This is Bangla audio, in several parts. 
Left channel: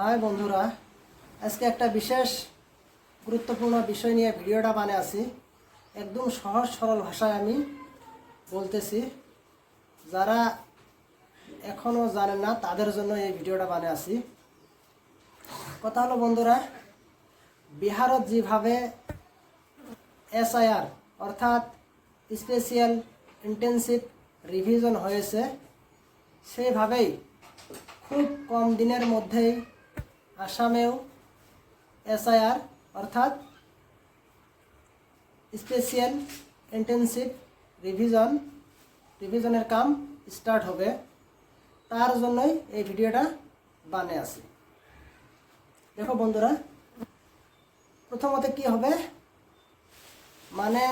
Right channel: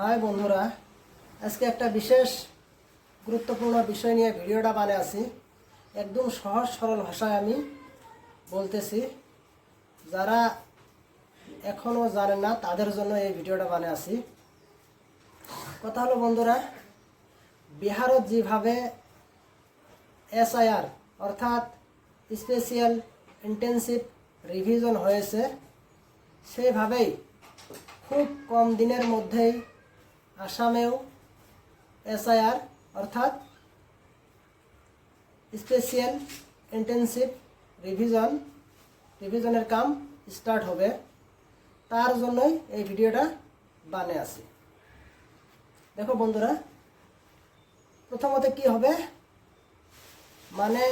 হাই বন্ধুরা, আজকে একটা বিশেষ গুরুত্বপূর্ণ বিষয় নিয়ে ভিডিওটা বানিয়েছি। একদম সহজ সরল ভাষায় আমি বলতেছি। যারা এখনও জানেন না তাদের জন্য এই ভিডিওটা বানিয়েছি। কথা হলো বন্ধুরা, বিহারত যেভাবে SIR অর্থাৎ স্পেশাল ইন্টেনসিভ রিভিশন হয়েছে, সেভাবেই খুব কম দিনের মধ্যেই আসামেও SIR অর্থাৎ স্পেশাল ইন্টেনসিভ রিভিশনের কাম স্টার্ট হবে। তার জন্যই এই ভিডিওটা বানিয়ে আসি। দেখো বন্ধুরা, প্রথমত কি হবে, মানে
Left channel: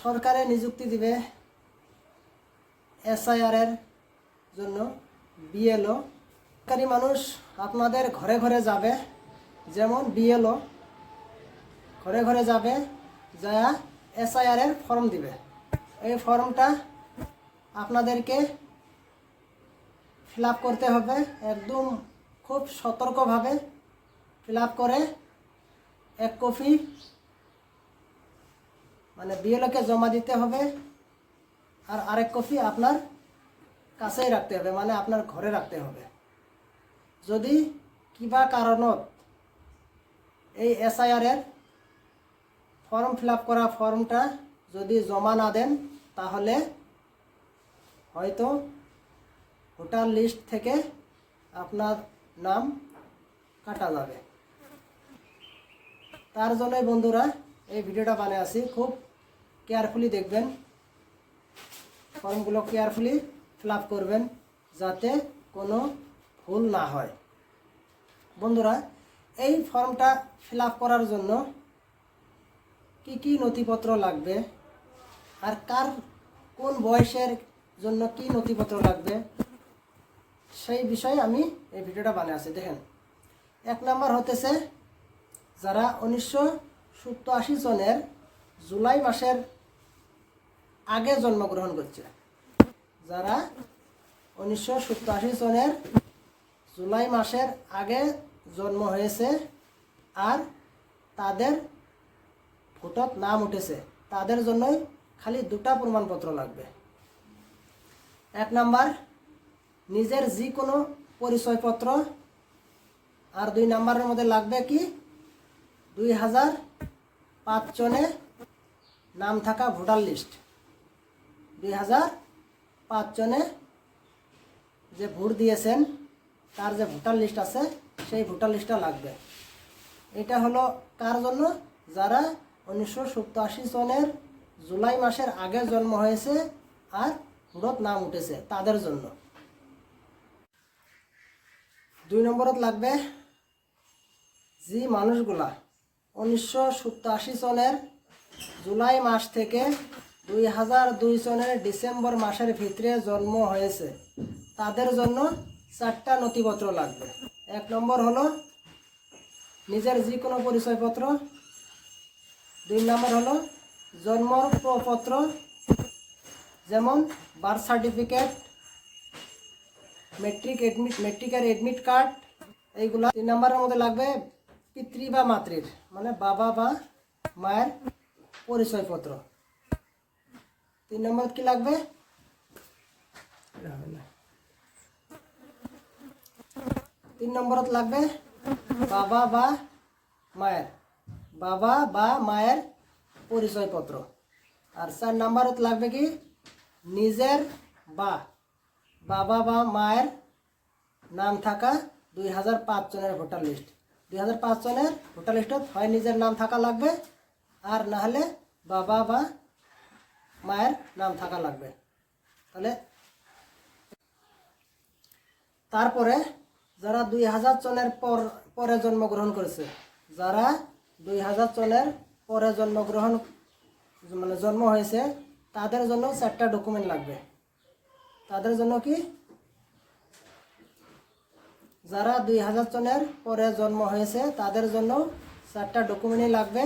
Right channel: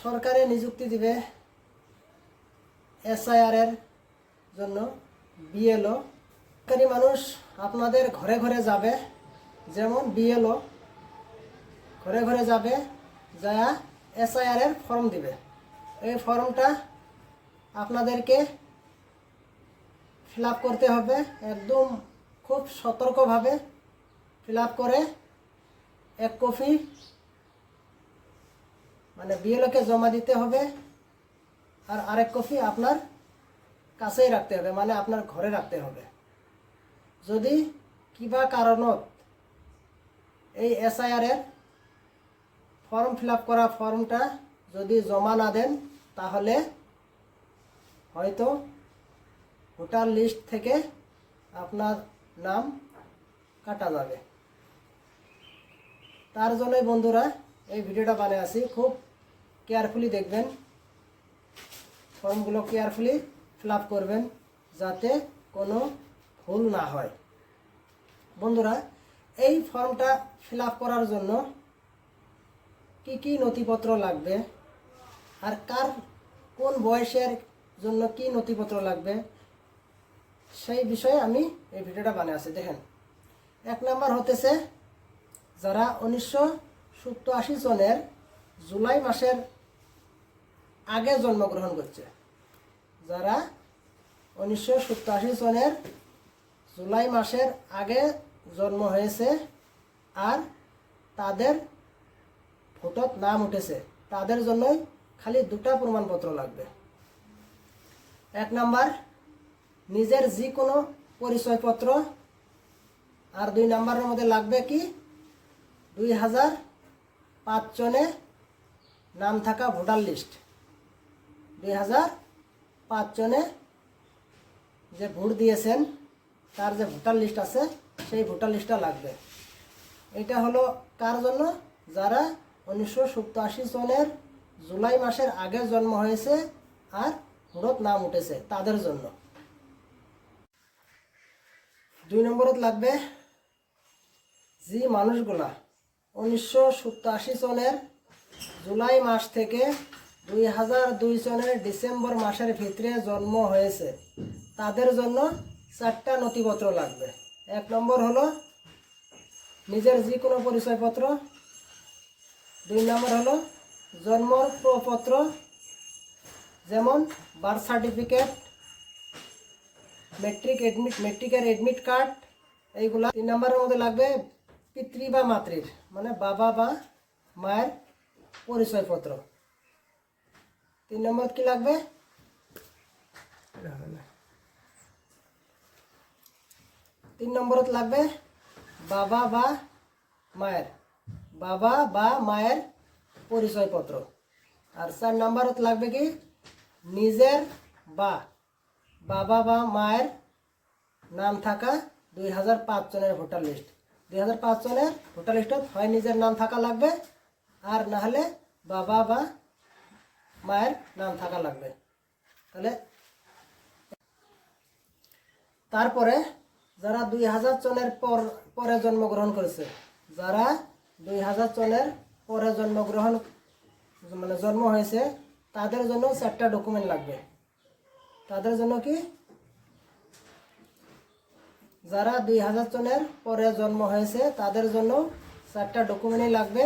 সরকারে নিযুক্তি দিবে SIR এর জন্য BLO। সরকারি মানুষ আপনাদের ঘরে ঘরে যাবে, যেমন BLO ঘরে ঘরে যাবে, যা SIR এর ফর্ম দিবে। এই ফর্মটা আপনাদেরকে ফিল আপ করতে হবে, একদম খুব সতর্কভাবে ফিল আপ করে এক কপি মানে BLOকে জমা দিতে হবে, আর আরেক কপি আপনার কাছেই রাখতে হবে, মানে আপনার ঘরে রাখতে হবে। যদি কিবা কারণত এই SIR এর ফর্ম ফিল আপ করা ফর্মটা যদি জমা না দেন, তাহলে হয়তো ভোটার লিস্ট থেকে আপনার নাম কাটা যাবে। তার জন্যই বন্ধুরা এই ভিডিওটা বানিয়ে আসি। খুব কেয়ারফুলি দেখবেন, ফর্মগুলো কেয়ারফুলি ফিল আপ করবেন, যাতে কোনো ভুল না হয়। বন্ধুরা, এই ফর্মটা ফিল আপ করার জন্য কি কি নথিপত্র লাগবে, আর কার কোন বয়সের জন্য কি নথিপত্র লাগবে, সেই বিষয়ে আমি এই ভিডিওটা বানিয়েছি। দেখেন, 1 নম্বর হতেছে যারা 1987 সনের জুলাই মাসের আগে জন্মগ্রহণ করছে। যারা 1987 সনের জুলাই মাসের আগে জন্ম হয়েছে আর তাদের ভোটত নাম উঠেছে, তাদের জন্যই খালি 2টা প্রমাণপত্র লাগবে। 1 নাম্বার নিজের যে কোনো পরিচয়পত্র, আর 2 নাম্বারের মধ্যে লাগবে কি 2005 সনে নাম থাকা ভোটার লিস্ট। 2005 সনে যে ভোট দিয়েছেন তার যে ভোটার লিস্ট আছে, সেই ভোটার লিস্টটা লাগবে। এটা হলো কার জন্য? যারা 1987 সনের জুলাই মাসের আগে জন্ম হয়েছে আর ভোটত নাম উঠেছে, তাদের জন্য। 2 নম্বরত লাগবে যে মানুষগুলা 1987 সনের জুলাই মাস থেকে 2002 সনের ডিসেম্বর মাসের ভিতরে জন্ম হয়েছে, তাদের জন্য 4টা নথিপত্র লাগবে। 1 নম্বর হলো নিজের যে কোনো পরিচয়পত্র। 2 নম্বর হলো জন্ম প্রপত্র, যেমন বার্থ সার্টিফিকেট, মেট্রিকের এডমিট কার্ড, এইগুলা। 3 নম্বরের মধ্যে লাগবে পিতৃ বা মাতৃর, মানে বাবা বা মায়ের পরিচয়পত্র। 3 নম্বর কি লাগবে? 3 নম্বরত লাগবে বাবা বা মায়ের পরিচয়পত্র। আর 4 নম্বরত লাগবে কি নিজের বাবা বা মায়ের নাম থাকা 2005 সনের ভোটার লিস্ট। 2005 সনের ভোটার লিস্টত হয় নিজের নাম থাকা লাগবে, আর না হলে বাবা বা মায়ের নাম থাকা লাগবে। তাহলে তারপরে যারা 2000 সনের পরে জন্মগ্রহণ করেছে, যারা 2000 সনের পরে জন্ম হয়েছে, তাদের জন্য 4টা ডকুমেন্ট লাগবে। তাদের জন্য কি, যারা 2000 সনের পরে জন্ম হয়েছে তাদের জন্য 4টা ডকুমেন্টই লাগবে।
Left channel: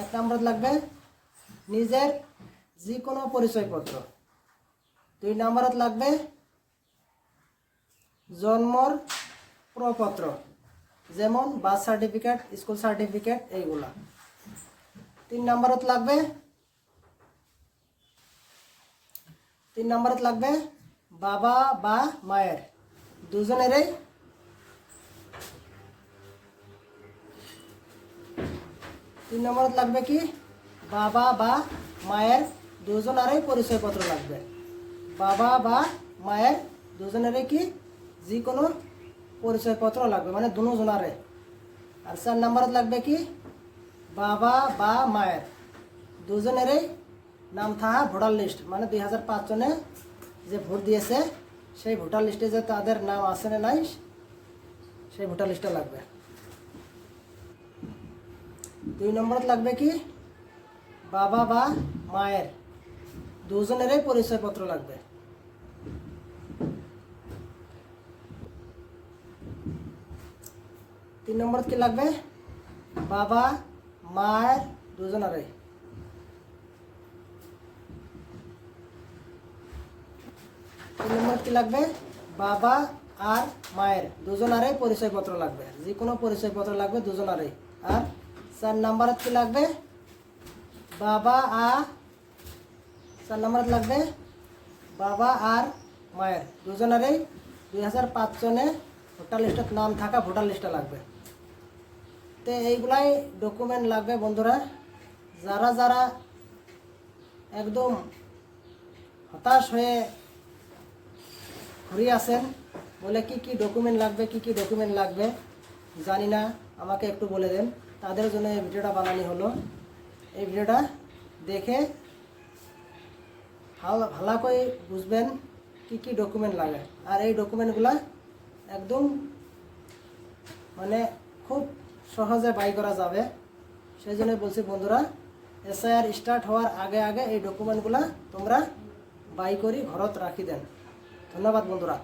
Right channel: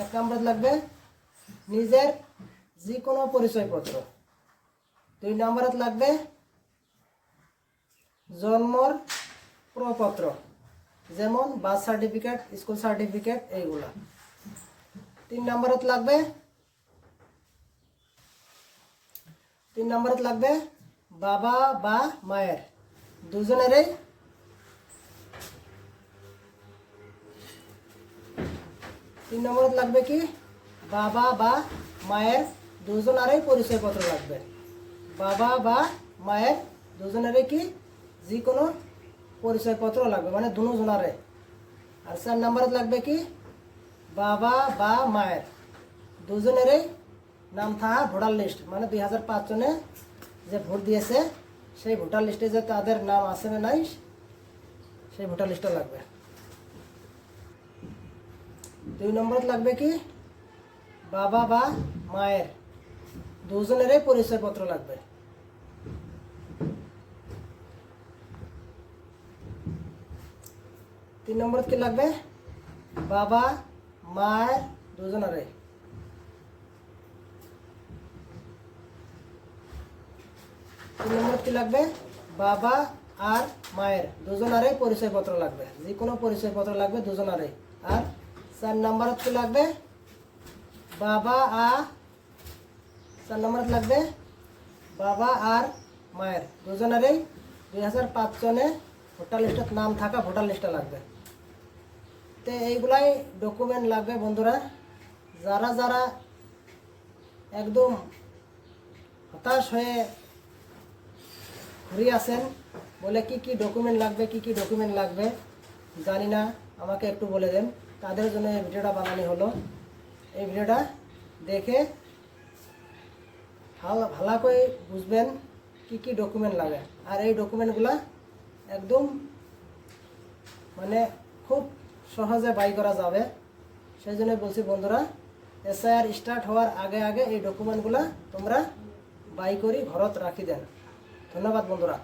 1 নম্বর লাগবে নিজের যে কোনো পরিচয়পত্র। 2 নম্বরত লাগবে জন্মর প্রপত্র, যেমন বার্থ সার্টিফিকেট, স্কুল সার্টিফিকেট, এইগুলা। 3 নম্বরত লাগবে বাবা বা মায়ের দুজনেরই লাগবে কি বাবা বা মায়ের দুজনেরই পরিচয়পত্র লাগবে। বাবা বা মায়ের দুজনেরই কি যে কোনো পরিচয়পত্র লাগবে, মানে দুজনারে। আর 4 নম্বরত লাগবে কি বাবা বা মায়ের দুজনেরই নাম থাকা ভোটার লিস্ট, মানে 2005 সনে যে ভোট দিয়েছে সেই ভোটার লিস্টে যে তাদের নাম আছে না নাই সেই ভোটার লিস্টটা লাগবে। 2 নম্বরত লাগবে কি বাবা বা মায়ের দুজনেরই পরিচয়পত্র লাগবে। 3 নম্বরত কি লাগবে বাবা মায়ের দুজনেরই। 3 নম্বরত কি লাগবে বাবা আর মায়ের দুজনেরই পরিচয়পত্র লাগবে, যে কোনো পরিচয়পত্র লাগবে দুজনেরই। আর 4 নম্বরত কি লাগবে 4 নম্বরত লাগবে বাবা আর মায়ের দুজনেরই 2005 সনে ভোটার লিস্টত নাম থাকা ভোটার লিস্টটা লাগবে। তো এইগুলাই ডকুমেন্ট লাগবে বন্ধুরা। যারা যারা একদম হতাশ হয়ে ঘুরে আছেন, বলে কি ডকুমেন্ট লাগবে জানি না, আমাকে একটু বলে দেন, তাদের জন্য এই ভিডিওটা বানানো হলো। এই ভিডিওটা দেখে ভালো করে বুঝবেন কি ডকুমেন্ট লাগে। আর এই ডকুমেন্টগুলা একদম মানে খুব সহজে বাই করা যাবে। সেই জন্য বলছি বন্ধুরা, এসআইআর স্টার্ট হওয়ার আগে আগে এই ডকুমেন্টগুলা তোমরা বাই করে ঘরত রাখি দেন। ধন্যবাদ বন্ধুরা।